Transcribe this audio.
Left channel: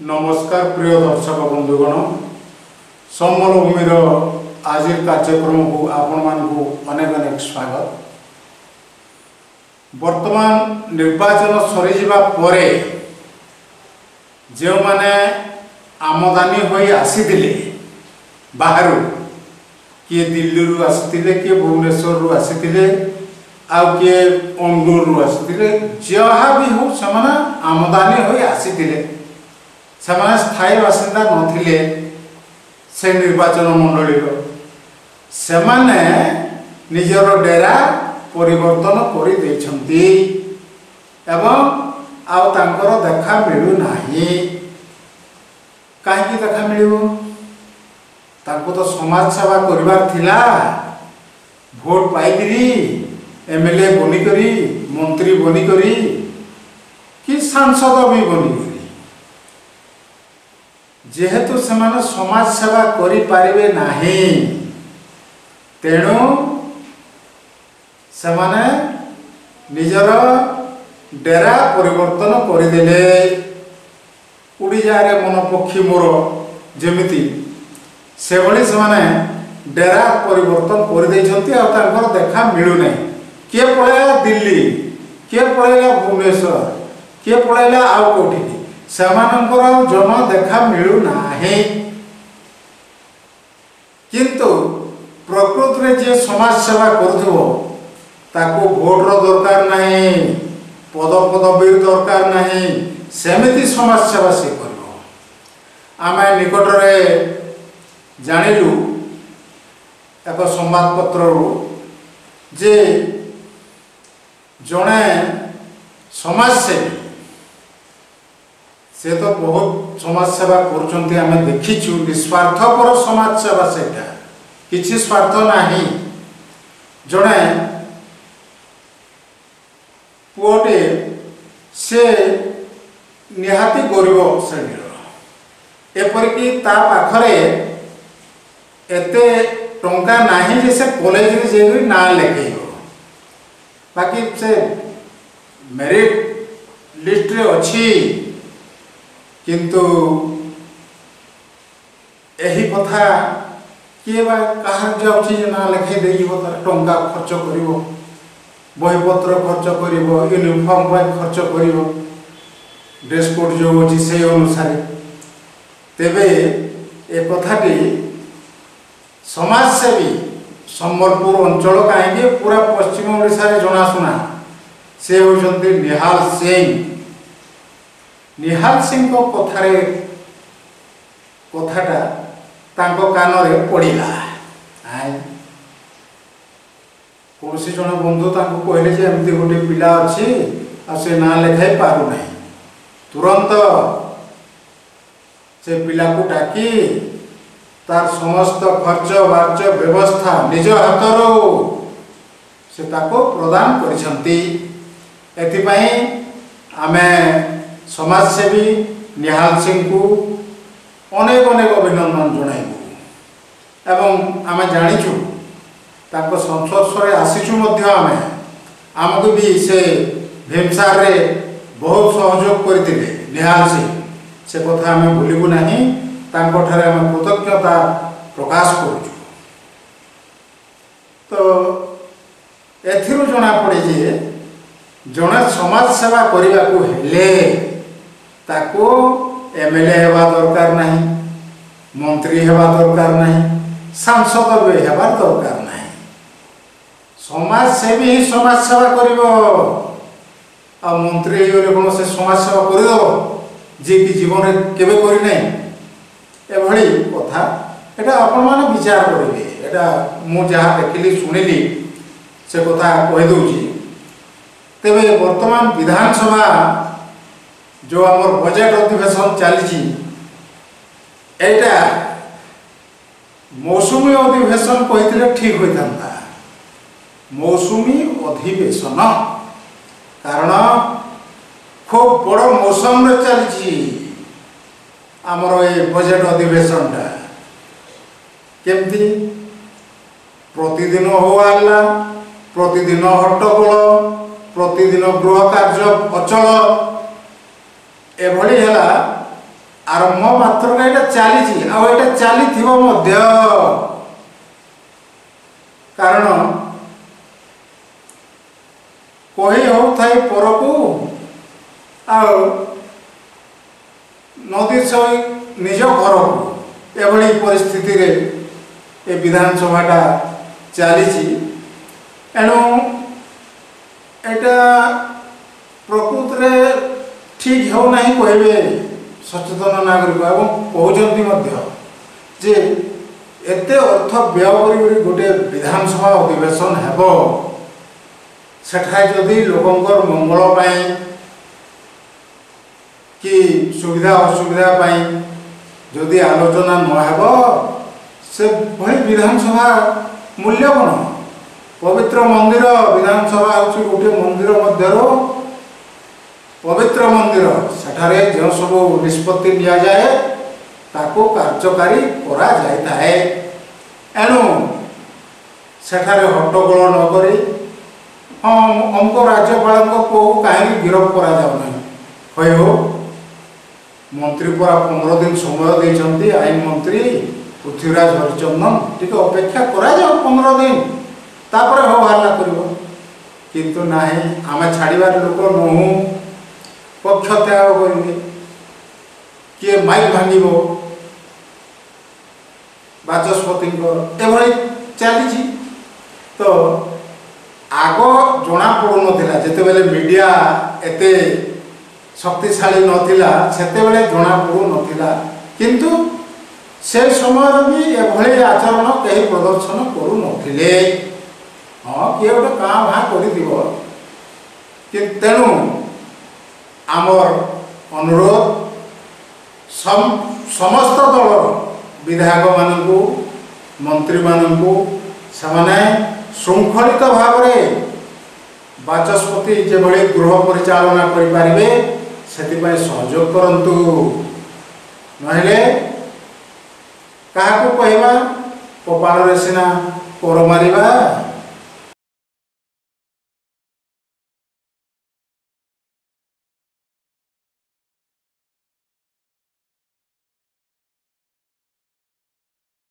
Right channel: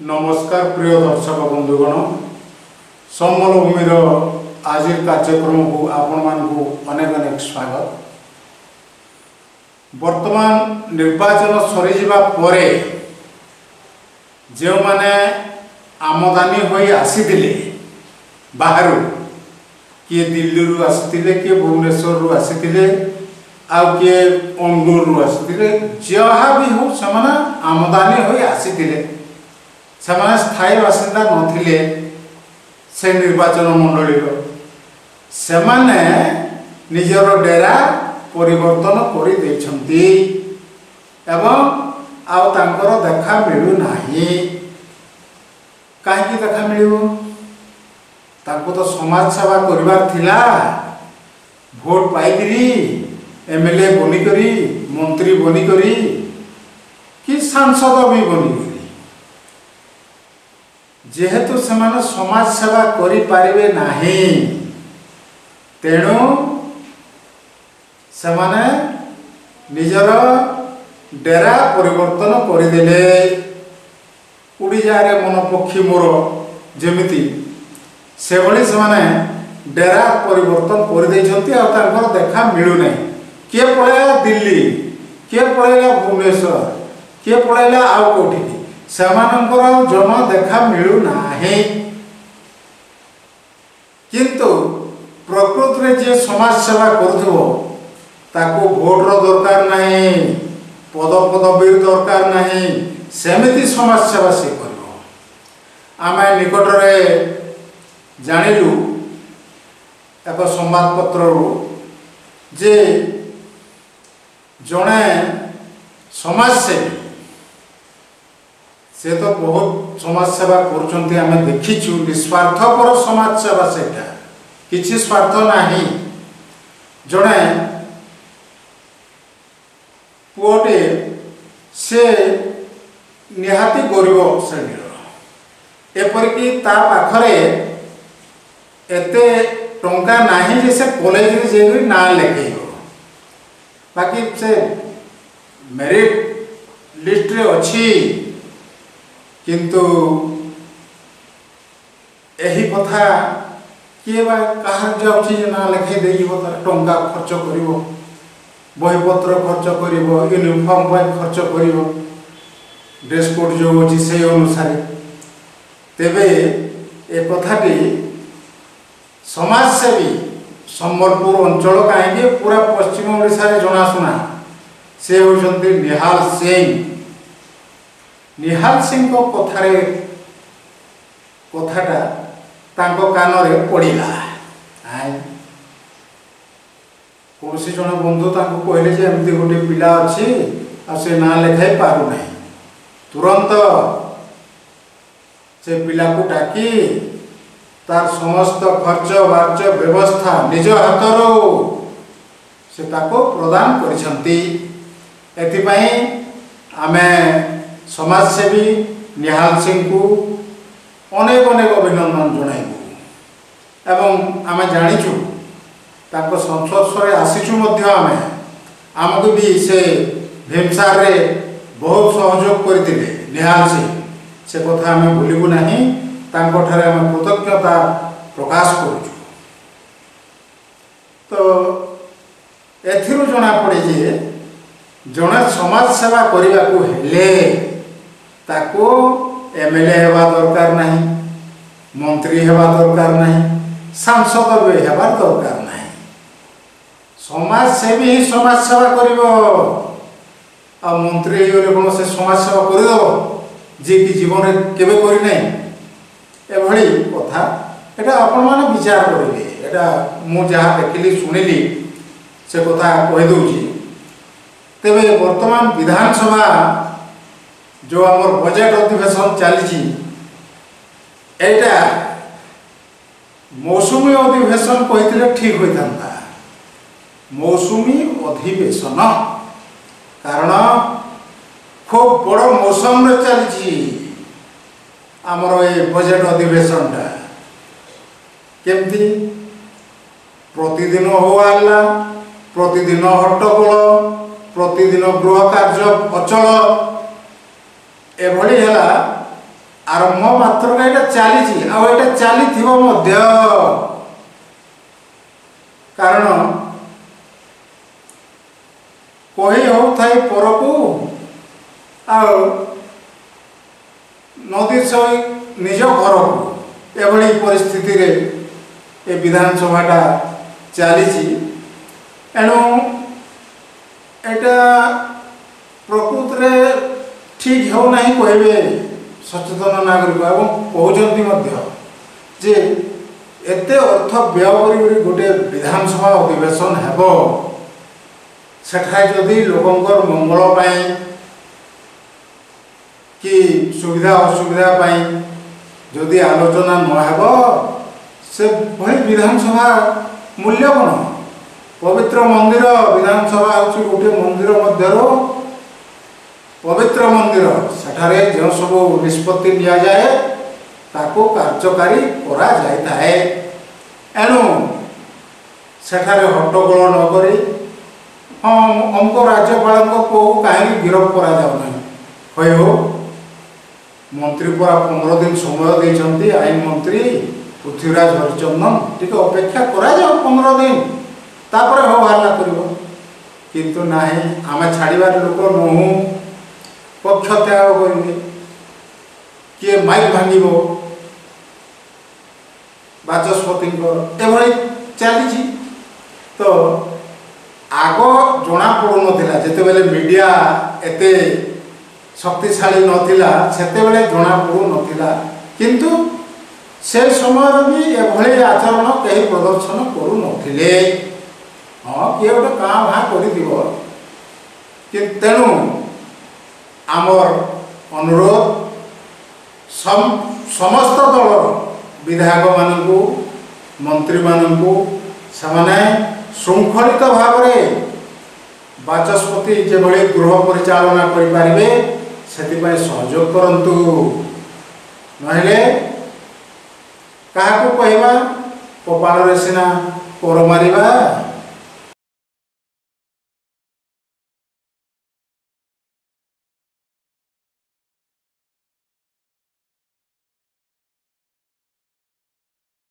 नमस्कार प्रिय दर्शक बंधुगण सम्बलभूमिर आज कार्यक्रम को आपण मानकु अनेक अनेक स्वागत। वर्तमान निर्वाचन सरीजिबा परे जो माने आमदानी होई आसीथिले बाहरु किए दिल्ली रु आसीथिले किए भुवनेश्वर रु आसीथिले आउ किए अंगूर रु आसीथिले जहाँ भी हो समान आमदानी होई आसीथिले सेमाने स्थायी बासिंदा नथिले से निर्वाचन मंडली सेमाने निजर डेरा परिवर्तन करि दैछंती एवं आउ तांकर देखा मिलु नाही। काहे देखा मिलिबो? तांको तो समाज सेवा करिवार थिला, भोट पाइकरी एमएलए बनी करी मंत्री बनी करी कि सांसद भी बनी करी जेहेतु सेमाने समाज सेवा करि पारिबे नाही तेणु सेमाने निजर डेरा परिवर्तन करिदेले। उड़ी जारे मन पक्षी मोर जेमिति से भली सेमाने डेरा परिवर्तन कर दैछंती आ तांकर देखा मिलु नै। किए पळैला दिल्ली, किए पळैला भुवनेश्वर, किए पळैला आउ कोठी सेमानंकर जमा देखा मिलु नाही। किंतु प्रकृति रे जे समाज सेवा करथबो ताको भोट रो दरकार नाही, पद पदवी दरकार नाही, सेमिति समाज सेवा से करबो। आमे निकट रे जानिलु एक संवाद पत्र जे जणे समाज सेवी से तो बहुत समाज सेवा करुचंती आमे देखिछु। निस्वार्थपर समाज सेवा सेटा किछि स्वार्थ नाही। जणे पुओटे से निहाती गरीब श्रेणीर एपरिकी ता पाखरे एते टंका नाही जे से कॉलेज रे जेई ना लेखेइबो। बाकी से मेरिट लिस्ट रे अछि किंतु एही कथा किए बा कहार जाउछि जे ना लेखे देइबो तार टंका खर्च करिवो, बहीपत्र खर्च करिवो, यूनिफॉर्म पर खर्च करिवो, ड्रेस कोड जो अछि से अनुसार। तेबे ए कथाटी समाजसेवी संबलपुर अंचल कहीं पूरा पश्चिम ओडिशा रे जनाशुना से होचंती निहाल सिंह। निहाल सिंह को कथारे कथाटा तांको कानरे पड़िला। कौनसी जन बंधु तांको कहले जे एमती गोटे पिला अछि आ से ना लेखाई पारु नाही। तुरंत से पिला को डाकी तार समस्त खर्च बार्च व्यवस्था निज हाथरो से ताको प्रदान करिसंती। एथिपाई आमे समाजसेवी निहाल सिंह को अनेक अनेक अभिनंदन जणाइबु एवं आमे जानिछु ताको संस्पर्शरे आसीछु मध्य आमे आमको भी से भीमसार रे बहुत सहयोग करथिले निहाल सिंह। से कथा आमे भूलिबु नाही। तांको ठारे आमे कृतज्ञता प्रकाश करूछु। तो एथिरु जणा पड़े जे जणे समाज सेवा करिबा को हेले ताको एमएलए हेबा दरकार नाही, मंत्री हेबा दरकार नाही, सांसद भी हेबा दरकार नाही। समाज सेवी ही समाज सेवा करिवो। आ मंत्री होले कोन से समाज सेवा करि दबो जे कि जीवन रे केबे करि नै। एभली कथा एटा आपण माने विचार करिवे। एटा मु जहा देखिली सुनिली से कथा कहि दउची। तेबे वर्तमान विधानसभा जो आमर बजट अधिवेशन चली एटा मौसुमी अधिवेशन कहिथिले ठीक होइथांता। मौसुमी अधिवेशन कारण खूब बड़ मौसम रे चली आमर ए बजट अधिवेशनटा केमती प्रतिदिन हो आला, प्रतिदिन हट्टगोल, प्रतिदिन गृह कार्य अचल एभली है ଆରମ୍ଭ ମାତ୍ର ଏଇଟା ଚାଲିଛି ଆଉ ଏଇଟା ଚାଲିଥିବ ମଧ୍ୟ। କାରଣ କହି ହେଉଥାଏ ପରକୁ ଆଉ ନଦୀ ସହି ନିଜ ଘରକୁ, ଏଭଳି ପରିସ୍ଥିତିରେ ଏ ବିଧାନସଭାଟା ଚାଲିଛି। ଏଣୁ ଏଇଟା ପ୍ରକୃତରେ ଠିକ୍ ହେଉନାହିଁ କହିବେ ସଚେତନ ନାଗରିକ, ଏବଂ କହୁଛନ୍ତି ମଧ୍ୟ ଯେ ଏତେ ଅର୍ଥ ବ୍ୟୟ କରି ଗୋଟିଏ ବିଧାନସଭା ଅଧିବେଶନ ହେବ, ସେଠାରେ ଯଦି ଲୋକଙ୍କର ମଙ୍ଗଳ ପାଇଁ କି ସୁବିଧା ଅସୁବିଧା ପାଇଁ ଯଦି ଆଲୋଚନା ନ ହେବ, ସେ ଭଳି ବିଧାନସଭା ମୂଲ୍ୟ କ'ଣ? ପବିତ୍ର ମନ୍ଦିର ବିଧାନସଭା ହେଉଛି ଗୋଟିଏ ମନ୍ଦିର ମଧ୍ୟରୁ ପବିତ୍ର ମନ୍ଦିର। ସେଠାରେ ଯେଉଁ ସବୁ ନିଷ୍ପତ୍ତି ନିଆଯାଏ ତାକୁ କାର୍ଯ୍ୟକାରୀ କରାଯାଇଥାଏ। ଏଣୁ ସେଠାରେ ହଟ୍ଟଗୋଳ ନକରି ହଁ ଅମୁକ ରାଜ୍ୟପାଳଙ୍କ ପୁଅକୁ କାହିଁକି ଗିରଫ କରାଯାଉନାହିଁ କହିବ, ମନ୍ତ୍ରୀ ପରା 15 ଦିନ ସମୟ ଦେଇଛନ୍ତି ଆଇନ ମନ୍ତ୍ରୀ ପୃଥ୍ୱୀରାଜ ହରିଚନ୍ଦନ, ଟିକେ ଅପେକ୍ଷା କରାଯାଉ 15 ଦିନ, ତାପରେ ହୋ ହଲ୍ଲା କରିବ। କିନ୍ତୁ ନାହିଁ, ଆମେ ଛାଡ଼ିବାର ଲୋକ ନୁହଁ, ପକ୍ଷ ତ୍ୟାଗ କରିବେ, କିଏ ମାଇକ୍ ଭାଙ୍ଗିବ ବାଚସ୍ପତିଙ୍କର, ଏଭଳି ଚାଲିଛି। ତ ଆଗ ଜଣାପଡ଼ୁନଥିଲା, ଯେତେବେଳେ ମିଡ଼ିଆ ଏତେ ଶକ୍ତିଶାଳୀ ନଥିଲା ସେତେବେଳେ ଜଣାପଡ଼ୁନଥିଲା, କିନ୍ତୁ ସେ ସମୟରେ ବି ଏଭଳି ଆଚରଣ କେହି ପ୍ରଦର୍ଶନ କରୁନଥିଲେ। ହଁ କିଏ ଗୋଟେ କାଁ ଭାଁ କରିଥିବ, ତେଣୁ ଆମର ଅନୁରୋଧ ସମସ୍ତ ଦଳର ବିଧାୟକମାନଙ୍କୁ, ମନ୍ତ୍ରୀମାନଙ୍କୁ ସେମାନେ ଶୃଙ୍ଖଳିତ ଭାବରେ ବାଚସ୍ପତି ଯେଭଳି ଗୃହ ପରିଚାଳନା କରିପାରିବେ ସେଥିପାଇଁ ସହଯୋଗ କରନ୍ତୁ। ନହେଲେ କାହାକୁ କହିବା, କପାଳରେ ସିନା ପର ମାରିବା।